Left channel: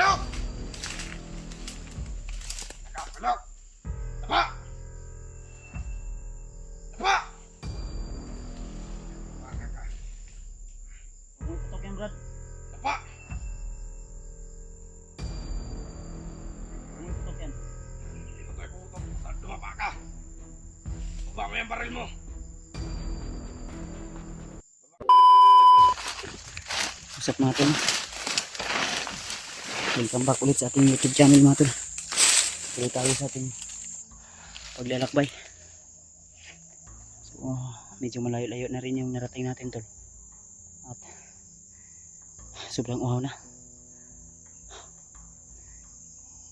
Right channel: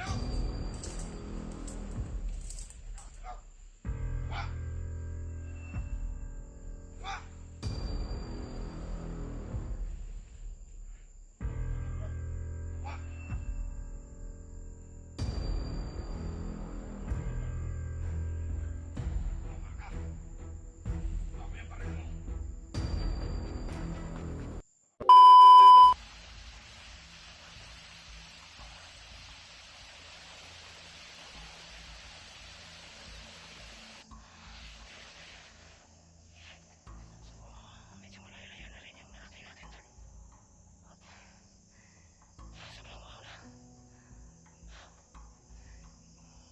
Belok! Belok! Apa? Apa? Tutok yan, Brad. Apa? Tutok yan. Patay ko utang. Dumapa ka. Baba mo yung baril mo. Usap mga tol. Welcome back ulit sa ating YouTube channel mga tol. Tuloy tayo sa ating paglalakbay. So medyo malayo-layo na rin yung narating natin tol. At sobrang uhaw na.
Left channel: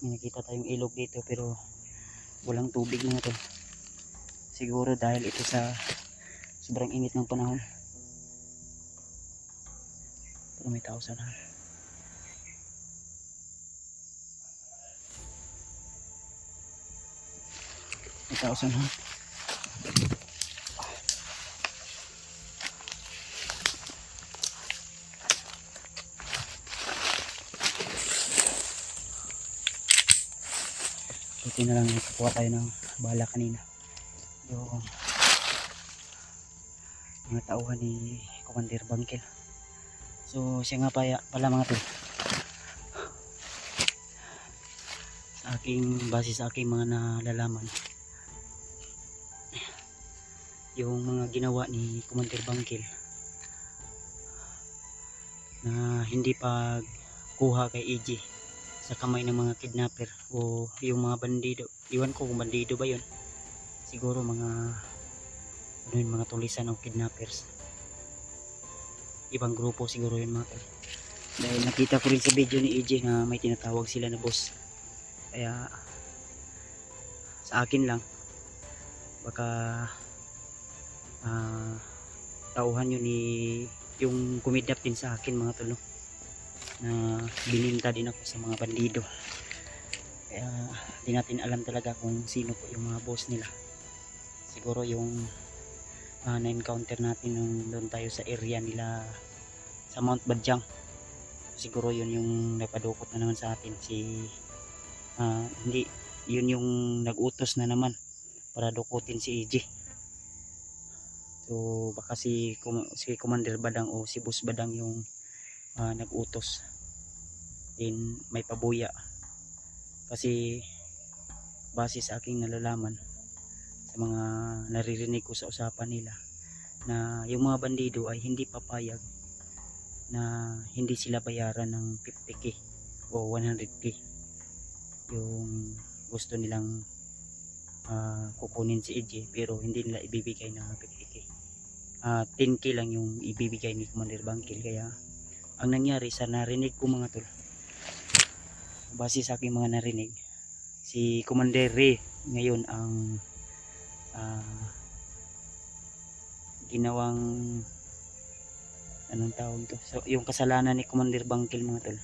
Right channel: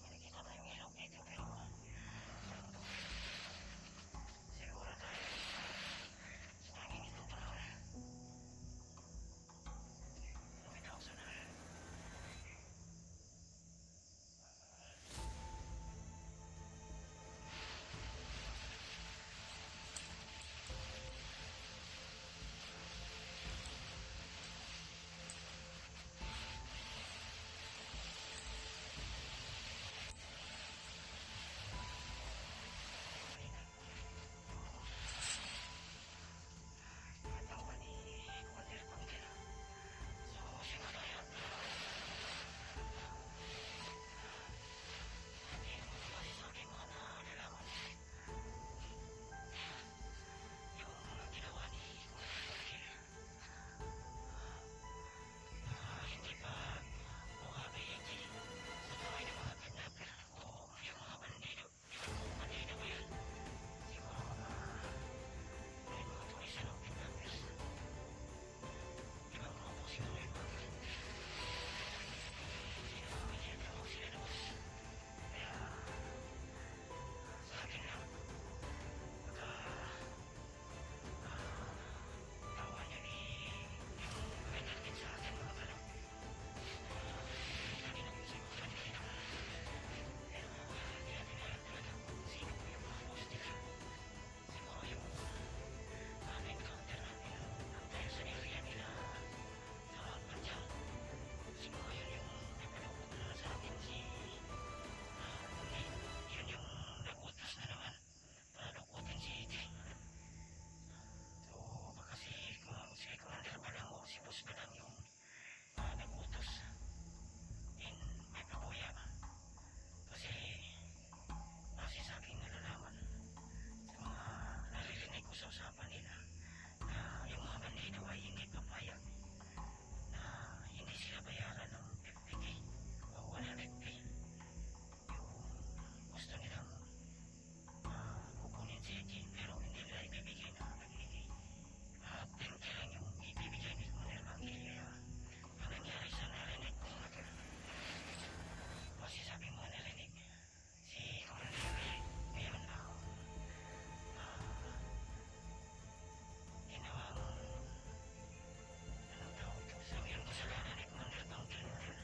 May nakita tayong ilog dito pero walang tubig mga tol. Siguro dahil ito sa sobrang init ng panahon. Pero may tao sana. May tao sana. Buti na lang nakakuha tayo ng bala kanina. Yung mga tauhan ni Commander Bangkel. So siya nga pala mga tol, base sa aking mga nalalaman, yung mga ginawa ni Commander Bangkel na hindi pagkuha kay EJ sa kamay ng mga kidnapper o yung mga bandido, iwan ko kung bandido ba yun, siguro mga tulisan o kidnappers, ibang grupo siguro yun mga tol. Dahil nakita ko rin sa video ni EJ na may tinatawag sila na boss, kaya sa akin lang baka tauhan yun ni yung kumidnap din sa akin mga tol, no? Na bininta din ako sa mga bandido, kaya hindi natin alam talaga kung sino po yung mga boss nila. Siguro yung na-encounter natin nung doon tayo sa area nila sa Mount Badyang, siguro yun yung napadukot na naman sa atin si hindi yun yung nag-utos na naman para dukutin si EJ. So baka si Commander Badang o si Boss Badang yung nag-utos, din may pabuya kasi base sa aking nalalaman sa mga naririnig ko sa usapan nila na yung mga bandido ay hindi papayag na hindi sila bayaran ng 50k o 100k yung gusto nilang kukunin si EJ, pero hindi nila ibibigay ng 50k. 10k lang yung ibibigay ni Commander Bangkel. Kaya ang nangyari sa narinig ko mga tol, base sa aking mga narinig, si Commander Ray ngayon ang ginawang anong tawag to, so yung kasalanan ni Commander Bangkel mga tol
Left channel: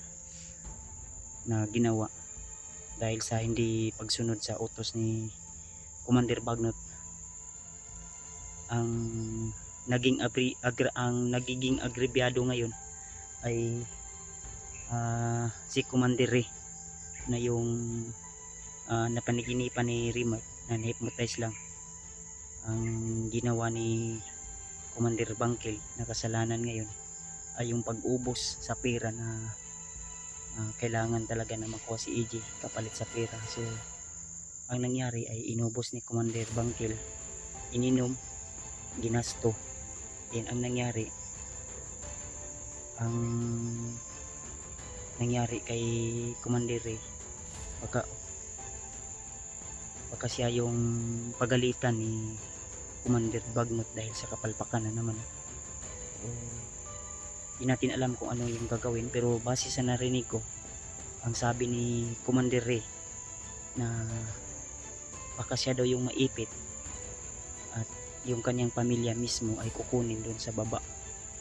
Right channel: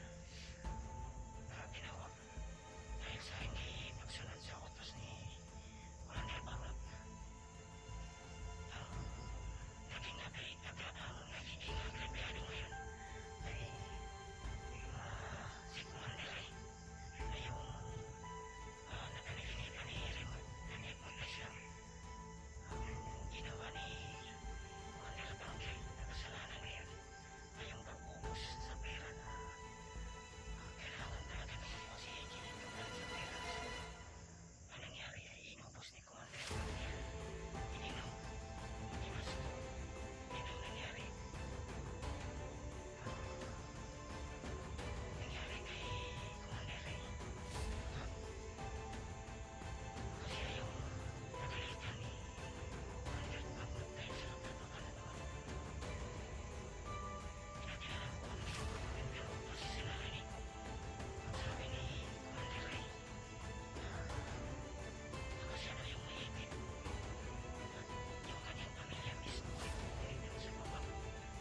na ginawa dahil sa hindi pagsunod sa utos ni Commander Bagnot, ang nagiging agrebyado ngayon ay si Commander Ray na yung napaniginipan ni Rimat na na-hypnotize lang. Ang ginawa ni Commander Bangkel na kasalanan ngayon ay yung pag-ubos sa pera na kailangan talaga na makuha si EJ kapalit sa pera. So ang nangyari ay inubos ni Commander Bangkel, ininom, ginasto. Yan ang nangyari. Ang nangyari kay Commander Ray, baka siya yung pagalitan ni Commander Bagnot dahil sa kapalpakan na naman. Hindi natin alam kung ano yung gagawin, pero base sa narinig ko, ang sabi ni Commander Ray na baka siya daw yung maipit at yung kanyang pamilya mismo ay kukunin doon sa baba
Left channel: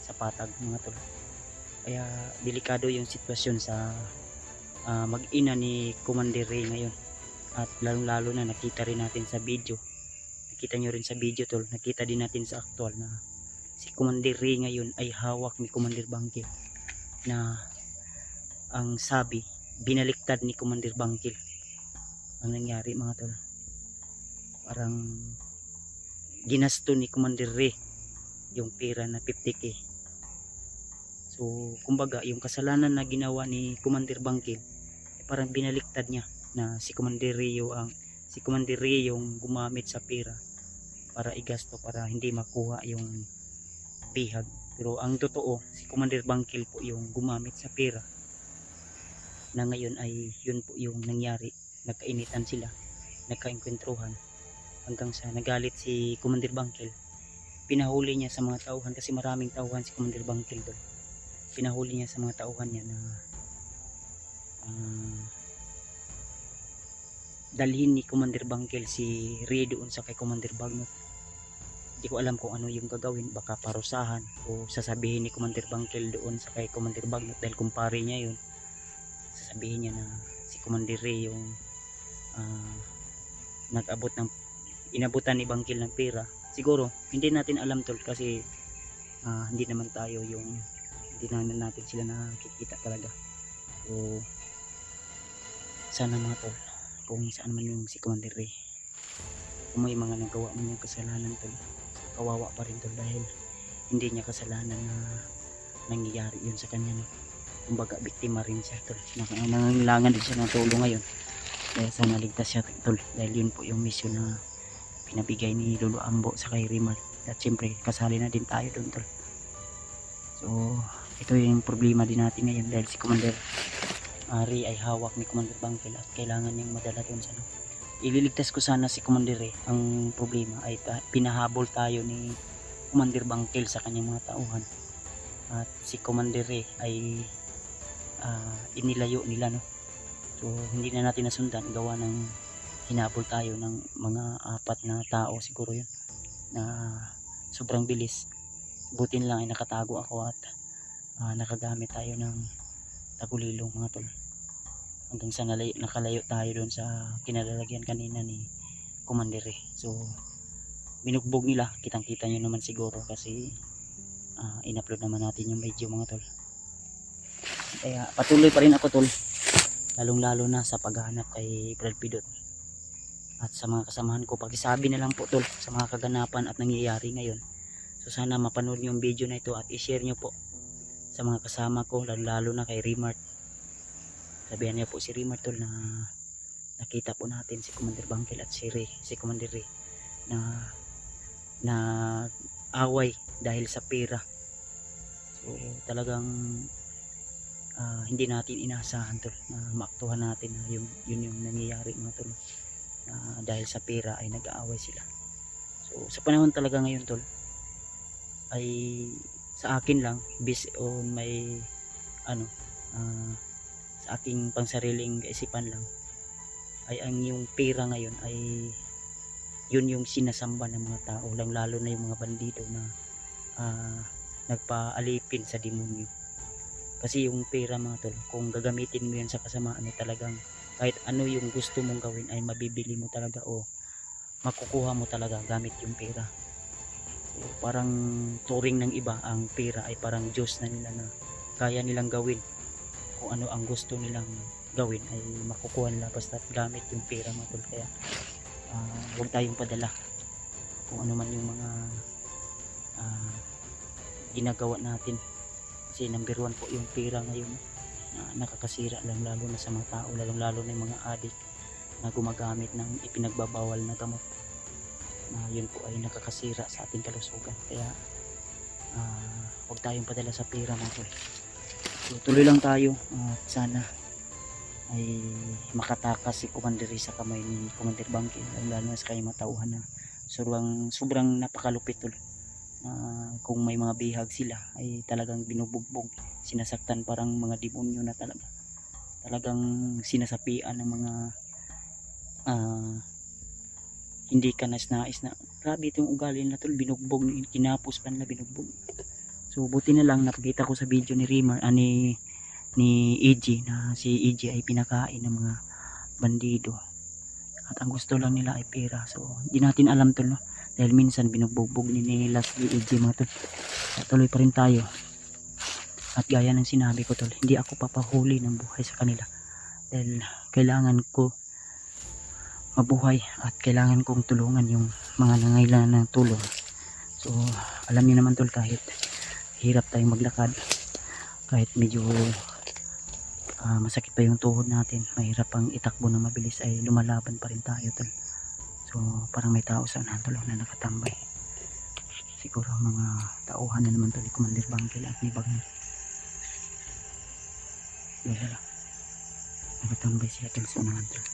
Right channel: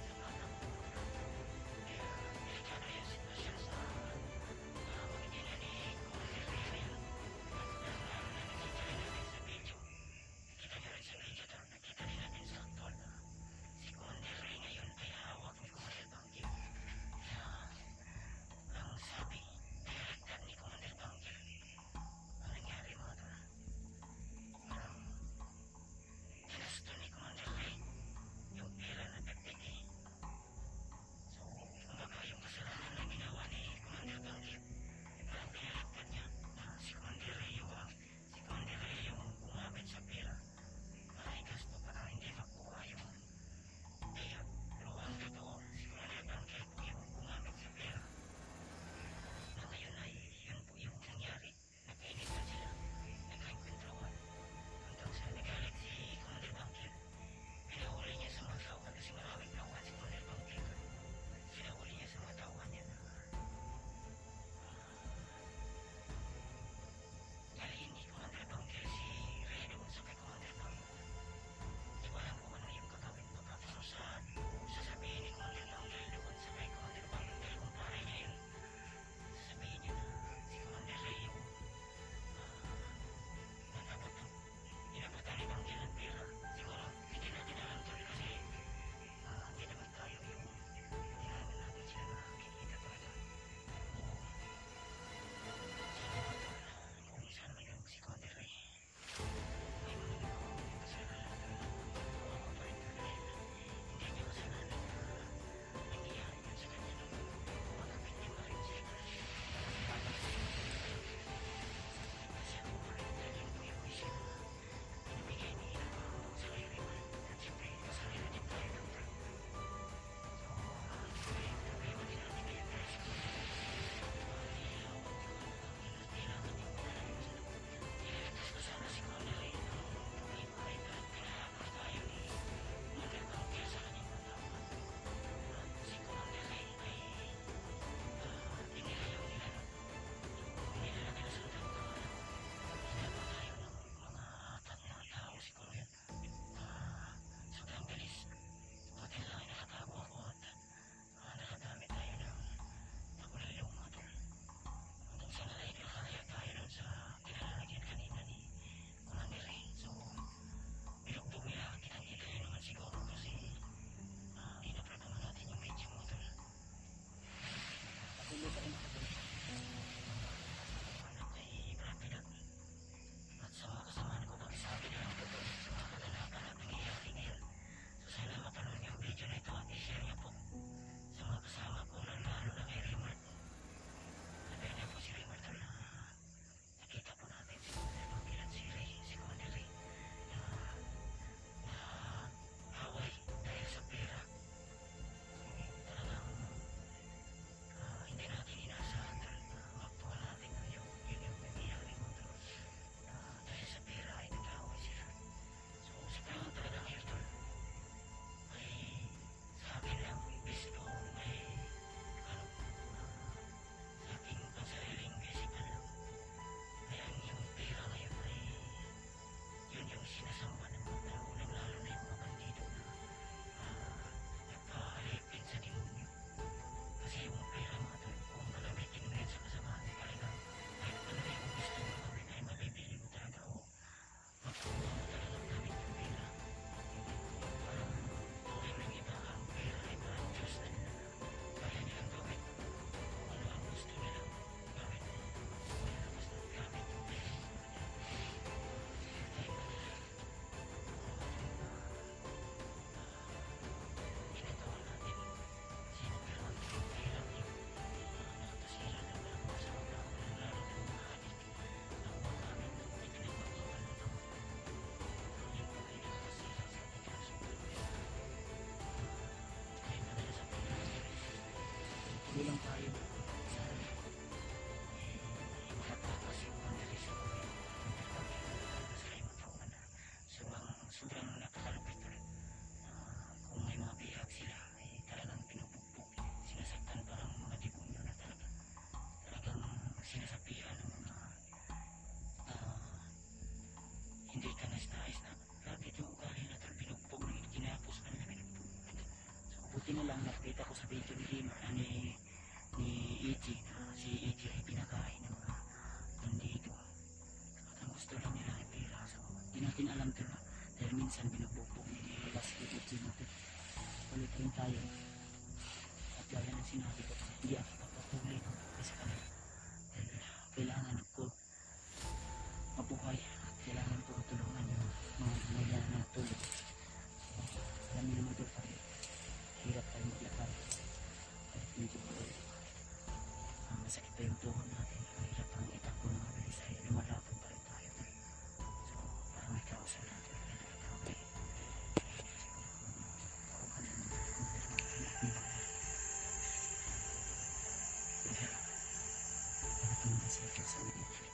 sa patag mga tol. Kaya delikado yung sitwasyon sa mag-ina ni Commander Ray ngayon, at lalo na nakita rin natin sa video, nakita nyo rin sa video tol, nakita din natin sa actual na si Commander Ray ngayon ay hawak ni Commander Bangkel, na ang sabi binaliktad ni Commander Bangkil ang nangyari mga tol. Parang ginasto ni Commander Ray yung pera na 50k. So kumbaga yung kasalanan na ginawa ni Commander Bangkil parang binaliktad niya na si Commander Ray yung gumamit sa pera para igasto para hindi makuha yung bihag. Pero ang totoo si Commander Bangkil po yung gumamit sa pera na ngayon ay yun po yung nangyari. Nagkainitan sila, nagkainkwentruhan hanggang sa nagalit si Commander Bangkil. Pinahuli niya sa mga tauhan kasi maraming tauhan si Commander Bangkil doon. Pinahuli niya sa mga tauhan niya na dalhin ni Commander Bangkil si Ray doon sa kay Commander Bagnot. Hindi ko alam kung ano yung gagawin, baka parusahan o sasabihin ni Commander Bangkil doon sa kay Commander Bagnot dahil kumpare niya yun. Sasabihin niya na si Commander Ray yung inabutan ni Bangkil ng pera. Siguro hindi natin alam tol kasi hindi naman natin sila nakikita talaga. So sana mga tol kung saan man yung si Commander Ray, kung may mga nagawa man yung kasalanan tol, kawawa pa rin tol dahil hindi niya kasalanan na nangyayari yun sa kanya, no? Kumbaga biktima rin siya tol, nangangailangan din siya ng tulong ngayon. Kaya sana ligtas siya tol dahil yun po yung mission na pinabigay ni Lolo Ambo sa kay Rimar. At siyempre kasali na din tayo doon tol. So ito yung problema din natin ngayon dahil si Commander Ray ay hawak ni Commander Bangkil at kailangan niyang madala doon sa ililigtas ko sana si Commander Ray. Ang problema ay pinahabol tayo ni Commander Bangkil sa kanyang mga tauhan at si Commander Ray ay inilayo nila, no? So hindi na natin nasundan gawa ng hinabol tayo ng mga 4 na tao siguro yun na sobrang bilis. Butin lang ay nakatago ako at nakagamit tayo ng tagulilong mga tol hanggang sa nakalayo tayo doon sa kinalalagyan kanina ni Commander Ray. So binugbog nila, kitang kita nyo naman siguro kasi in-upload naman natin yung video mga tol. Kaya patuloy pa rin ako tol, lalong lalo na sa paghahanap kay Brad Pidot at sa mga kasamahan ko. Pakisabi na lang po tol sa mga kaganapan at nangyayari ngayon. So sana mapanood nyo yung video na ito at i-share nyo po sa mga kasama ko, lalo na kay Rimart. Sabihan niya po si Rimart tol na nakita po natin si Commander Bangkil at si Commander Ray na away dahil sa pera. So talagang hindi natin inaasahan tol na maaktuhan natin na yun yung nangyayari mga tol, dahil sa pera ay nag-aaway sila. So sa panahon talaga ngayon tol ay sa akin lang based on may sa aking pangsariling kaisipan lang ay ang yung pera ngayon ay yun yung sinasamba ng mga tao, lang lalo na yung mga bandido na nagpaalipin sa demonyo. Kasi yung pera mga tol, kung gagamitin mo yan sa kasamaan ay talagang kahit ano yung gusto mong gawin ay mabibili mo talaga o makukuha mo talaga gamit yung pera. So, parang turing ng iba ang pera ay parang Diyos na nila na kaya nilang gawin kung ano ang gusto nilang gawin ay makukuha nila basta gamit yung pera mga tol. Kaya huwag tayong padala kung ano man yung mga ginagawa natin kasi number 1 po yung pera ngayon nakakasira lang lalo na sa mga tao, lalo na yung mga adik na gumagamit ng ipinagbabawal na gamot. Yun po ay nakakasira sa ating kalusugan. Kaya huwag tayong padala sa pera mga tol. So, tuloy lang tayo at sana ay makatakas si Commander Ray sa kamay ni Commander Bangkil, lalo na sa kanyang matauhan na sobrang napakalupit tol. Kung may mga bihag sila ay talagang binubugbog, sinasaktan parang mga demonyo na talagang sinasapian ng mga hindi ka nais na grabe itong ugali na tol, binugbog, kinapos ka nila, binugbog. So buti na lang nakita ko sa video ni Rimar ni EG na si EG ay pinakain ng mga bandido at ang gusto lang nila ay pera. So hindi natin alam tol, no? Dahil minsan binubugbog ni Last EG mga tol. Tuloy pa rin tayo at gaya ng sinabi ko tol, hindi ako papahuli ng buhay sa kanila dahil kailangan ko mabuhay at kailangan kong tulungan yung mga nangailangan ng tulong. So alam niyo naman tol, kahit hirap tayong maglakad, kahit medyo masakit pa yung tuhod natin, mahirap pang itakbo na mabilis, ay lumalaban pa rin tayo tol. So parang may tao sa tol na nakatambay, siguro mga tauhan na naman tol ni Commander Bangkil at ni Bagner. Nakatambay siya tol sa unahan tol,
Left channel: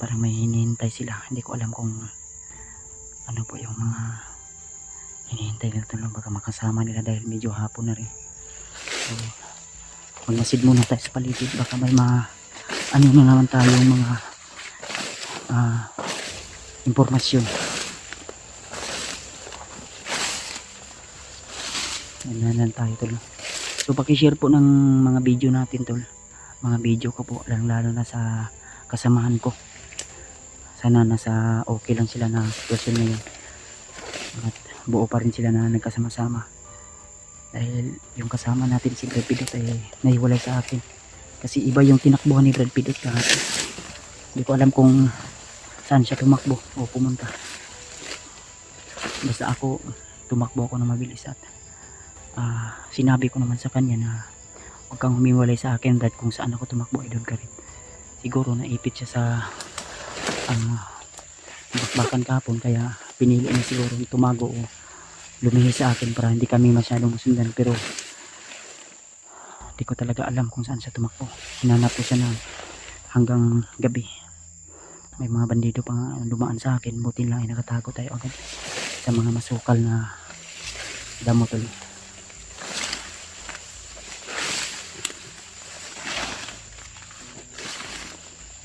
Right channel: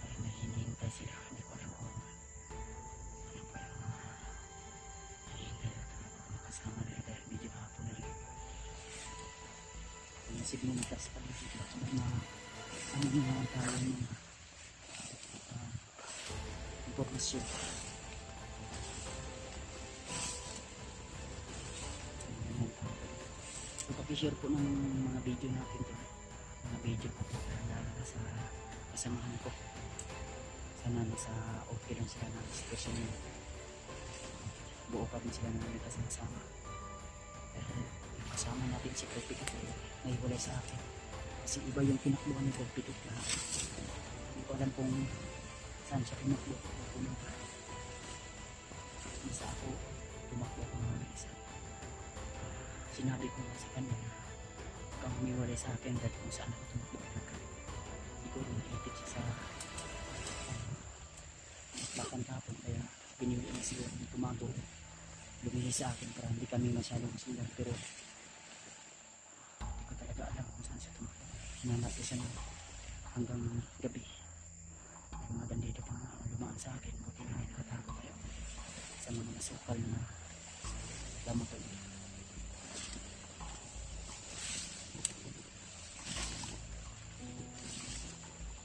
parang may hinihintay sila. Hindi ko alam kung ano po yung mga hinihintay nila tol, baka makasama nila dahil medyo hapon na rin. So magmasid muna tayo sa paligid, baka may ano na naman tayo mga impormasyon. Ganyan tayo tol. So pakishare po ng mga video natin tol, mga video ko po, lalo na sa kasamahan ko. Sana nasa okay lang sila na sitwasyon ngayon at buo pa rin sila na nagkasama-sama, dahil yung kasama natin si Brad Pitt ay nahiwalay sa akin kasi iba yung tinakbuhan ni Brad Pitt kahapon. Hindi ko alam kung saan siya tumakbo o pumunta, basta ako tumakbo ako na mabilis at sinabi ko naman sa kanya na huwag kang humiwalay sa akin dahil kung saan ako tumakbo ay doon ka rin. Siguro naipit siya sa bakbakan kahapon, kaya pinili niya siguro tumago o lumihis sa akin para hindi kami masyadong masundan, pero hindi ko talaga alam kung saan siya tumakbo. Hinanap ko siya na hanggang gabi. May mga bandido pa dumaan sa akin, buti lang ay nakatago tayo agad sa mga masukal na damo tol.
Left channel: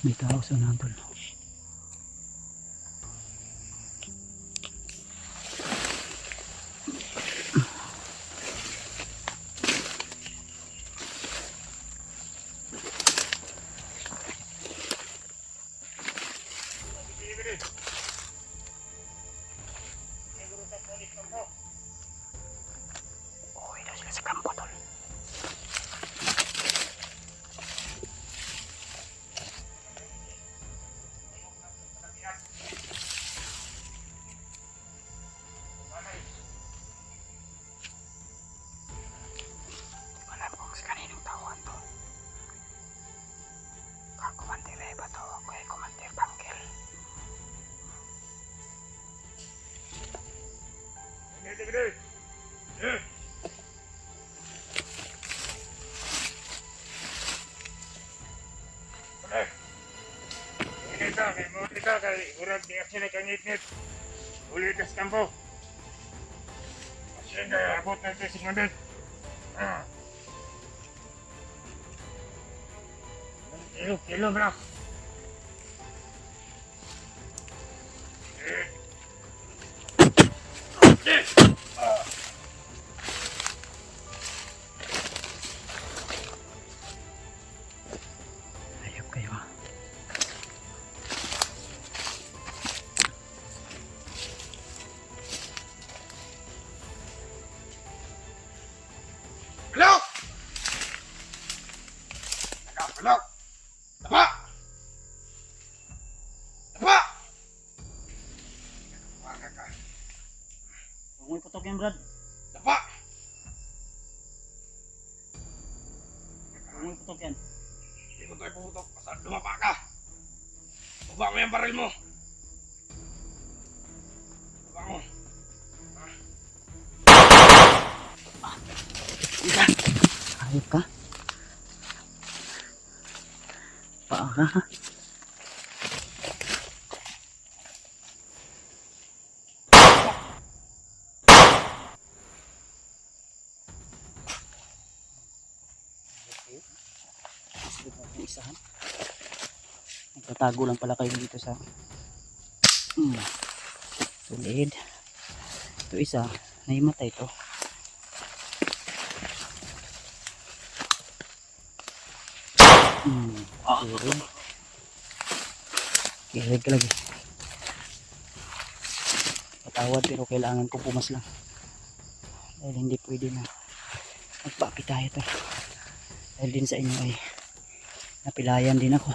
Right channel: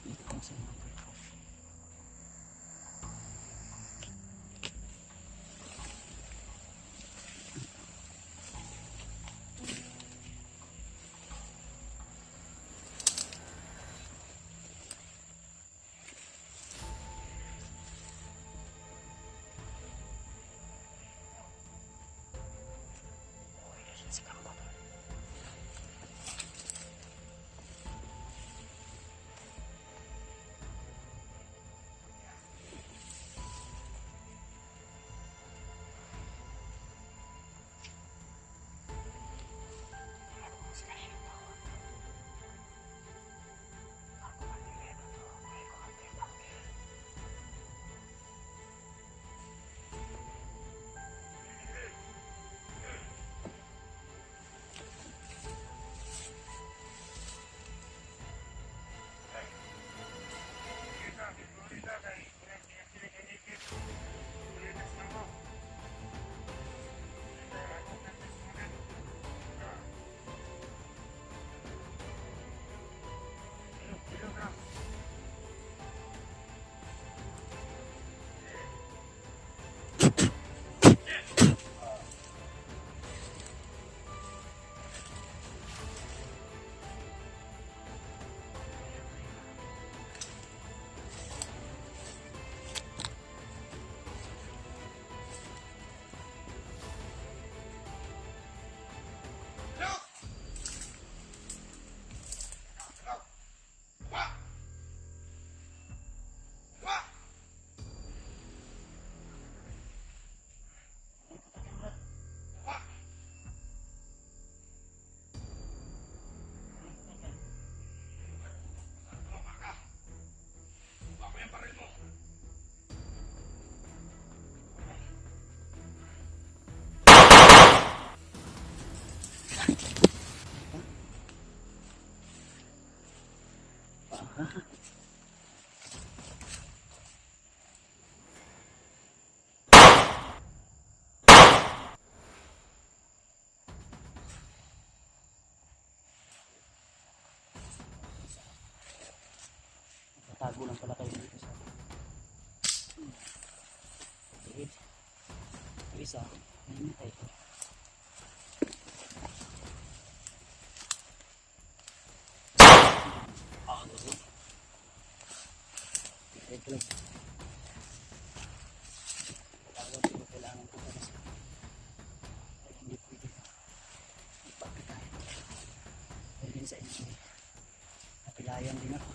May tao sa unahan tol. Kita kay urang tiyak sila kangit-ngit. Uli ka sa kampo. Siya kaya abot na ito si Mandan. Kilo bro. Hello! Tapa! Tapa! Waka ka. Huwag mo iputok yan, Brad. Tapa! Huwag mo iputok yan. Hindi ko tayo putok. Basta lumapa ka. Baba mo yung baril mo. Baba mo. Ayop ka. Paa ka ha. Isahan. Nagtatago lang pala kayo dito sa tulid. Ito isa, naimatay ito. Kirig ka lagi. Patawad pero kailangan ko pumas lang. Dahil hindi pwede na magpapi tayo to. Dahil din sa inyo ay napilayan din ako.